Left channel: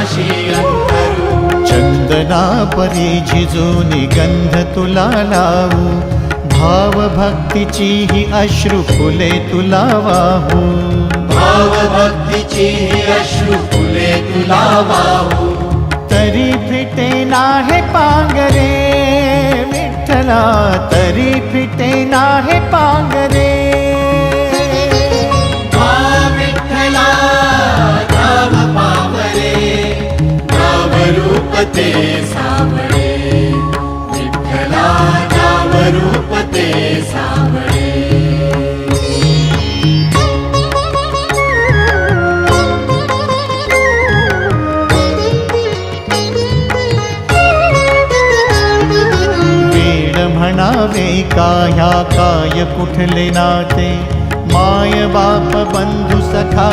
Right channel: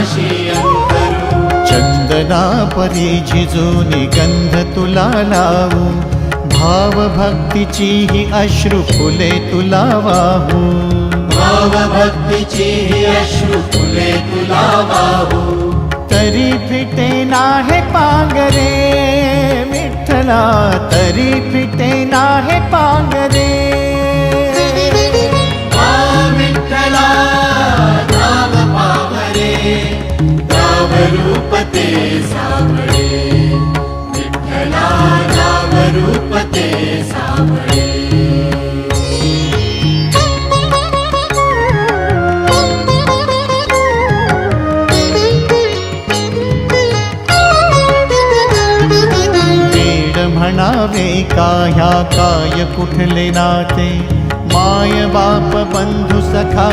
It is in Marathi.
पाशी अंतरू। चंदना परी झिजूनी गंध तुला लावू, भाव भक्तीची ही अश्रु फुले तुला वाहू। भाव भक्तीची ही अश्रु फुले तुला वाहू। तरी फिटे नाहे पांगरे विठ्ठला, तरी फिटे नाहे पांगरे। विठ्ठला नाव पावरे, नाव रूप ते सावळे। विठ्ठला नाव रूप ते सावळे। म्हणावे काह्या काय कुठले नाते, माय बाप बंधु सखा